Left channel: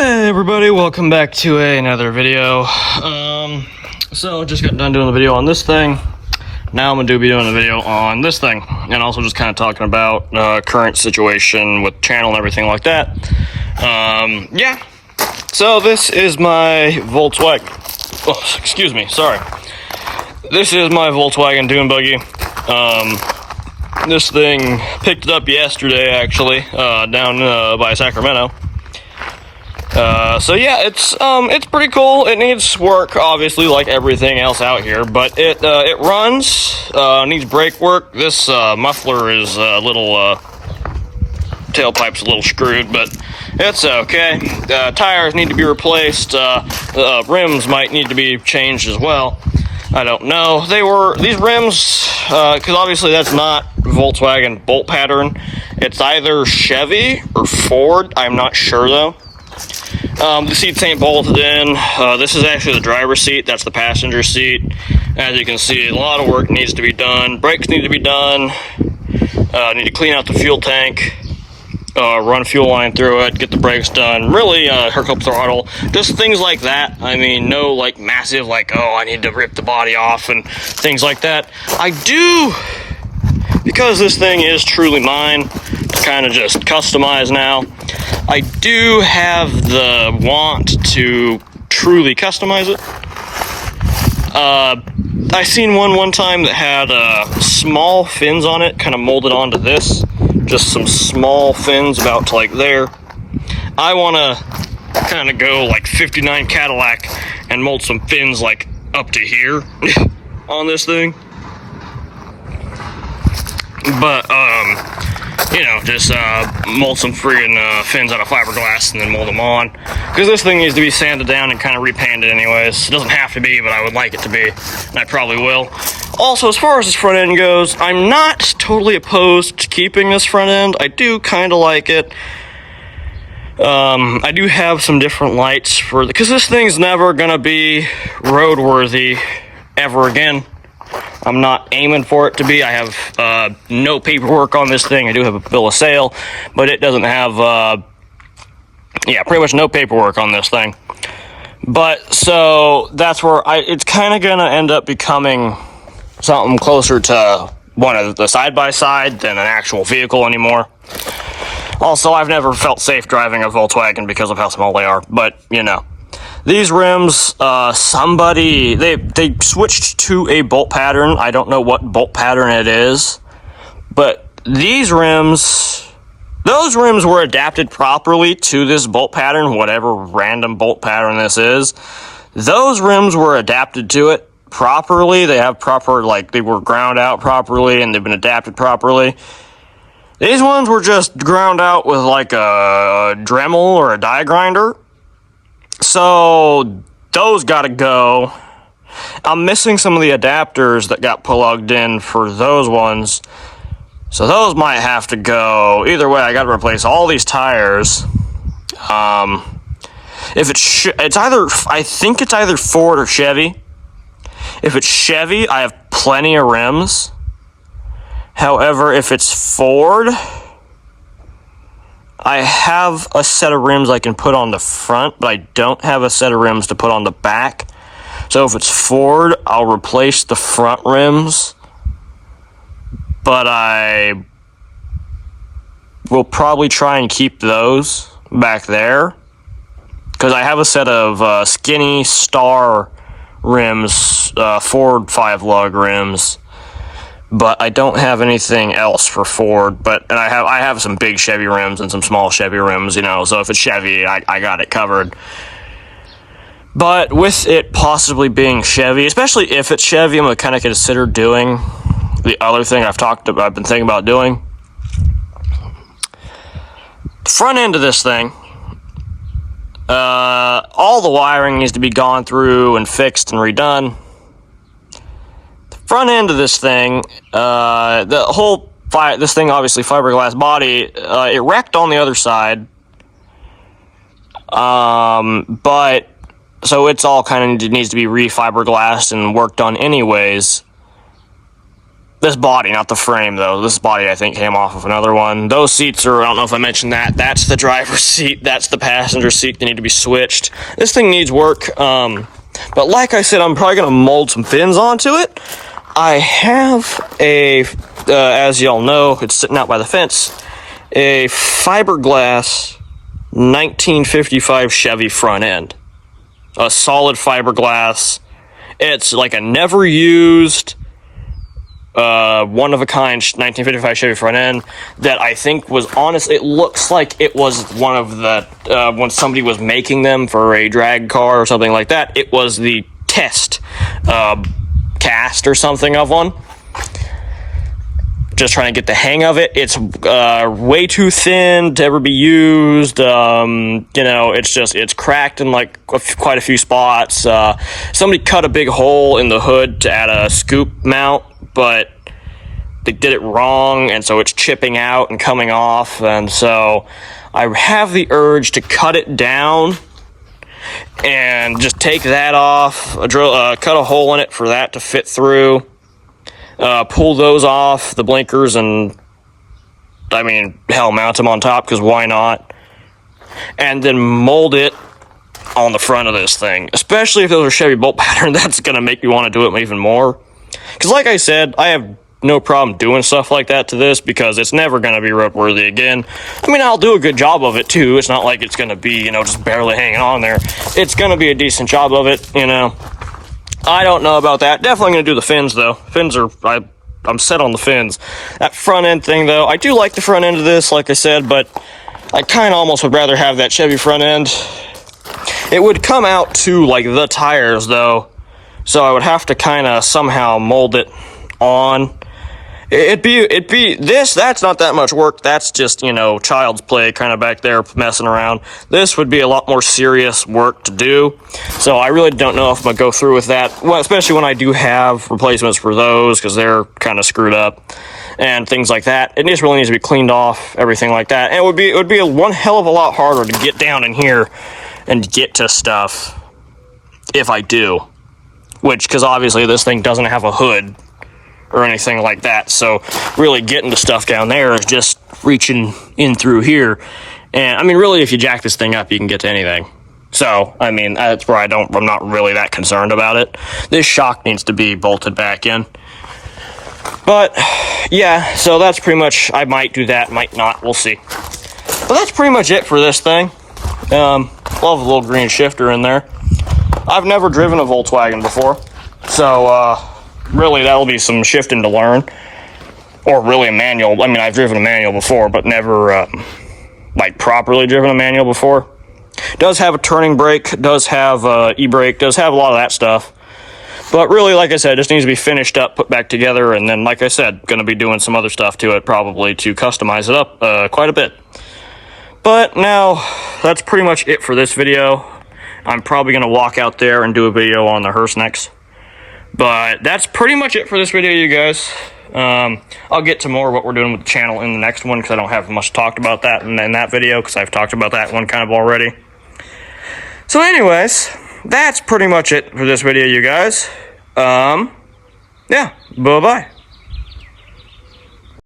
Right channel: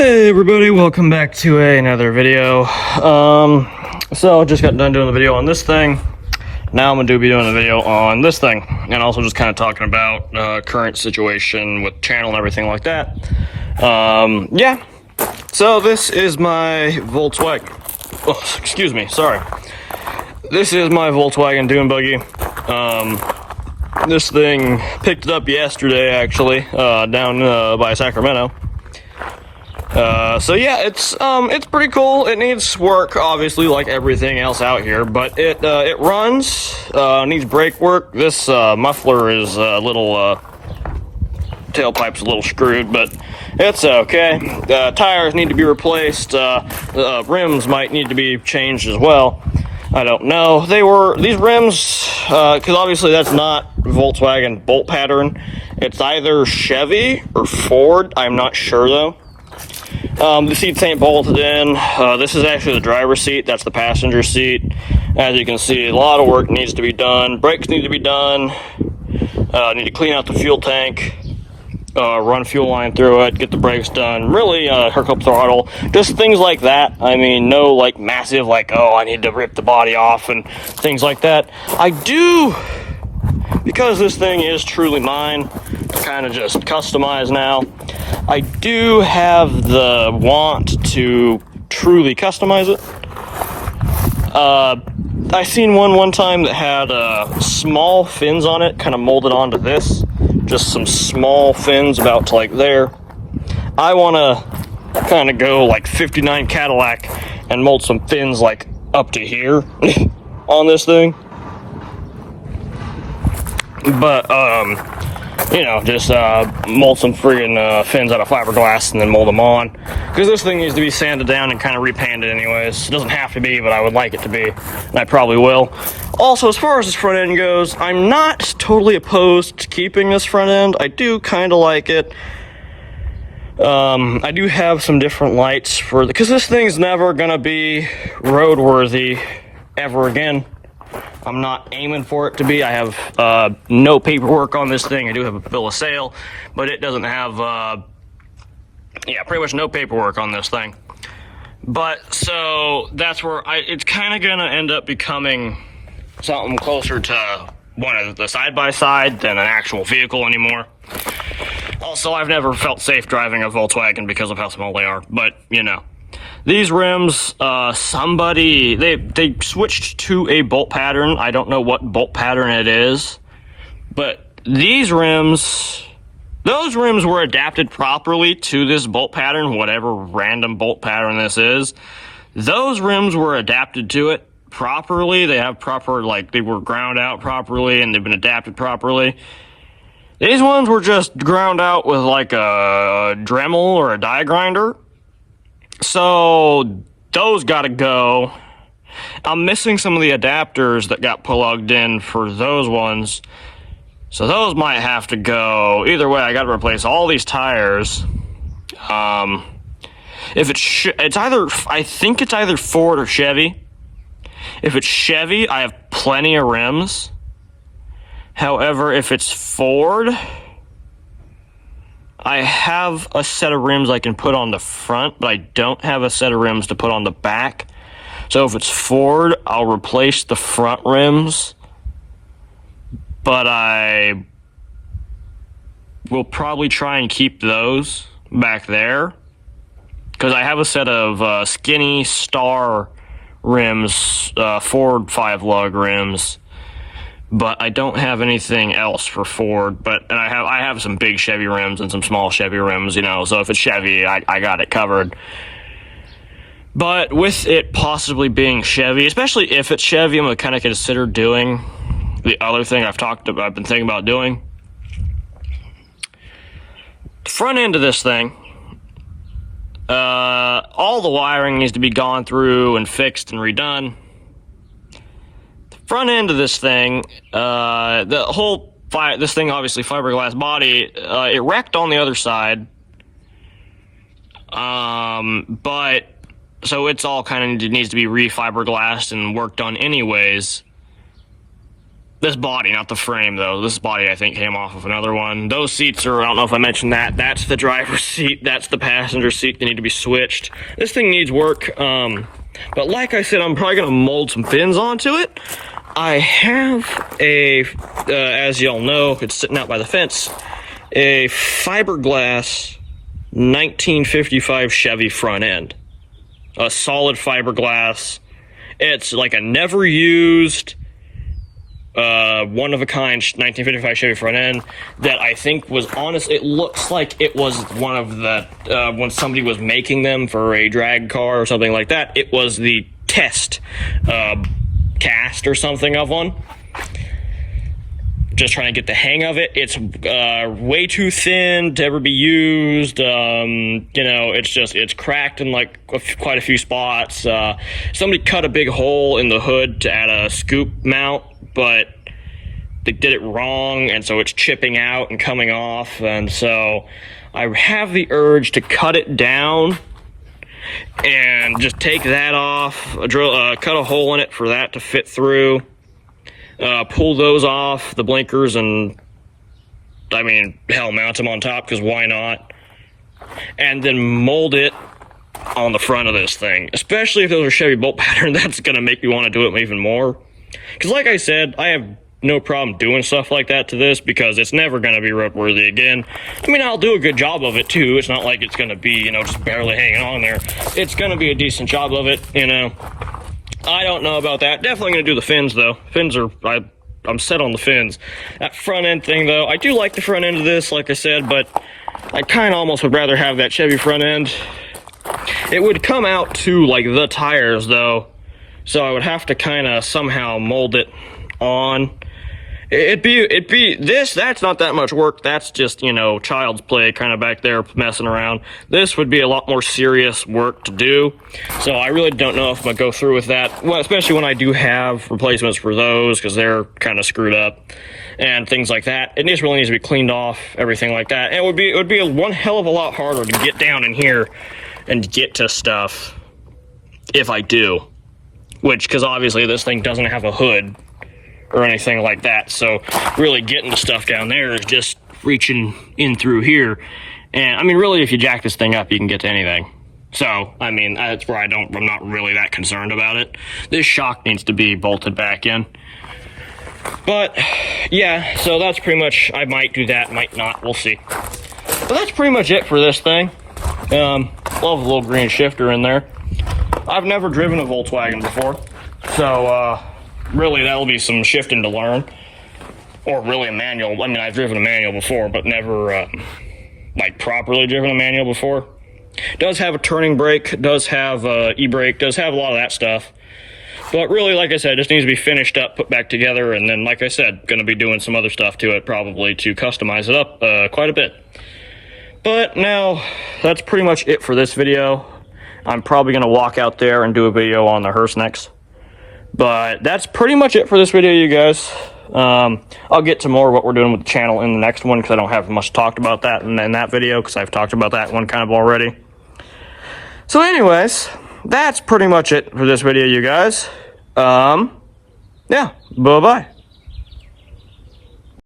Hey everybody, welcome back to another video. So just got done doing the video on this thing. Now I'm gonna be doing a video on this thing, and also just kind of talking about current situation with channel and everything like that. Yeah. So this is my Volkswagen. Oh, excuse me. Sorry. This is my Volkswagen Dune Buggy. This thing picked it up yesterday, actually, down by Sacramento. So yeah, it's pretty cool. It needs work, obviously, like everything else out here, but it runs, needs brake work. This muffler is a little, tailpipe's a little screwed, but it's okay. Tires need to be replaced. Rims might need to be changed as well. I don't know. These rims, because obviously that's not Volkswagen bolt pattern. It's either Chevy or Ford. I'm not sure though. The seats ain't bolted in. This is actually the driver's seat. That's the passenger seat. As you can see, a lot of work needs to be done. Brakes need to be done. Need to clean out the fuel tank. Run a fuel line through it. Get the brakes done. Really hook up throttle. Just things like that. I mean, no like massive like, oh, I need to rip the body off and things like that. I do, because this thing is truly mine, to kind of just customize now. I do have the want to truly customize it. I seen one time that had small fins on it, kind of molded onto this. Just some small fins about to like there. I want to kind of go like 59 Cadillac and mold some fins like up to here on this thing. But, you know, just mold some friggin' fins out of fiberglass and then mold them on. Because this thing needs to be sanded down and kind of repainted anyways. It doesn't have to be, but I would like it to be. And I probably will. Also, as far as this front end goes, I'm not totally opposed to keeping this front end. I do kind of like it. I do have some different lights for because this thing's never going to be roadworthy ever again. I'm not aiming for it to be. I have no paperwork on this thing. I do have a bill of sale, but it doesn't have, yeah, pretty much no paperwork on this thing. But, so, that's where it's kind of going to end up becoming something closer to one of the side-by-side than an actual vehicle anymore. Also, I've never felt safe driving a Volkswagen because of how small they are, but, you know. These rims, they switched to a bolt pattern. I don't know what bolt pattern it is, but these rims, those rims were adapted properly to this bolt pattern, whatever random bolt pattern this is. Those rims were adapted to it properly. They have proper, like, they were ground out properly and they've been adapted properly. These ones were just ground out with like a Dremel or a die grinder. So those gotta go. I'm missing some of the adapters that got plugged in for those ones. So those might have to go. Either way, I gotta replace all these tires. If it's either, I think it's either Ford or Chevy. If it's Chevy, I have plenty of rims. However, if it's Ford, I have a set of rims I can put on the front, but I don't have a set of rims to put on the back. So if it's Ford, I'll replace the front rims, but I will probably try and keep those back there, because I have a set of skinny Star rims, Ford 5-lug rims, but I don't have anything else for Ford. And I have some big Chevy rims and some small Chevy rims, you know, so if it's Chevy, I got it covered. But with it possibly being Chevy, especially if it's Chevy, I'm going to kind of consider doing the other thing I've been thinking about doing. Front end of this thing, all the wiring needs to be gone through and fixed and redone. Front end of this thing, this thing, obviously fiberglass body, it wrecked on the other side. But so it's all kind of needs to be re-fiberglassed and worked on anyways. This body, not the frame, though. This body, I think, came off of another one. Those seats are, I don't know if I mentioned that. That's the driver's seat. That's the passenger seat. They need to be switched. This thing needs work. But like I said, I'm probably going to mold some fins onto it. I have a, as y'all know, it's sitting out by the fence, a fiberglass 1955 Chevy front end. A solid fiberglass. It's like a never used, one of a kind 1955 Chevy front end that I think was honest. It looks like it was one of the, when somebody was making them for a drag car or something like that, it was the test, cast or something of one. Just trying to get the hang of it. It's way too thin to ever be used. You know, it's cracked in like quite a few spots. Somebody cut a big hole in the hood to add a scoop mount, but they did it wrong, and so it's chipping out and coming off. And so I have the urge to cut it down and just take that off, cut a hole in it for that to fit through. Pull those off, the blinkers, and I mean, hell, mount them on top, because why not? And then mold it on the front of this thing. Especially if those are Chevy bolt pattern, that's going to make me want to do it even more. Because like I said, I have no problem doing stuff like that to this, because it's never going to be roadworthy again. I mean, I'll do a good job of it, too. It's not like it's going to be, you know, just barely hanging on there. It's going to be a decent job of it, you know. I don't know about that. Definitely going to do the fins, though. Fins are, I'm set on the fins. That front end thing, though, I do like the front end of this, like I said, but I kind of almost would rather have that Chevy front end. It would come out to, like, the tires, though, so I would have to kind of somehow mold it on. It'd be this, that's not that much work. That's just, you know, child's play kind of back there messing around. This would be a lot more serious work to do. So I really don't know if I'm going to go through with that. Well, especially when I do have replacements for those, because they're kind of screwed up and things like that. It just really needs to be cleaned off, everything like that. And it would be one hell of a lot harder to get down in here and get to stuff if I do. Which, because obviously this thing doesn't have a hood or anything like that, so really getting the stuff down there is just reaching in through here. And I mean, really, if you jack this thing up, you can get to anything. So I mean, that's where I'm not really that concerned about it. This shock needs to be bolted back in. But yeah, so that's pretty much, I might do that, might not, we'll see. But that's pretty much it for this thing. Love a little green shifter in there. I've never driven a Volkswagen before, so really, that'll be some shifting to learn. Or really a manual. I mean, I've driven a manual before, but never, like, properly driven a manual before. Does have a turning brake, does have e-brake, does have a lot of that stuff. But really, like I said, it just needs to be finished up, put back together, and then, like I said, going to be doing some other stuff to it, probably, to customize it up quite a bit. But now, that's pretty much it for this video. I'm probably going to walk out there and do a video on the hearse next. But that's pretty much it for this video, you guys. I'll get to more of what we're doing with the channel in the next one, because I don't have much talked about that in that video, because I've talked about that one kind of already. So anyways, that's pretty much it for this video, you guys. Yeah, bye-bye.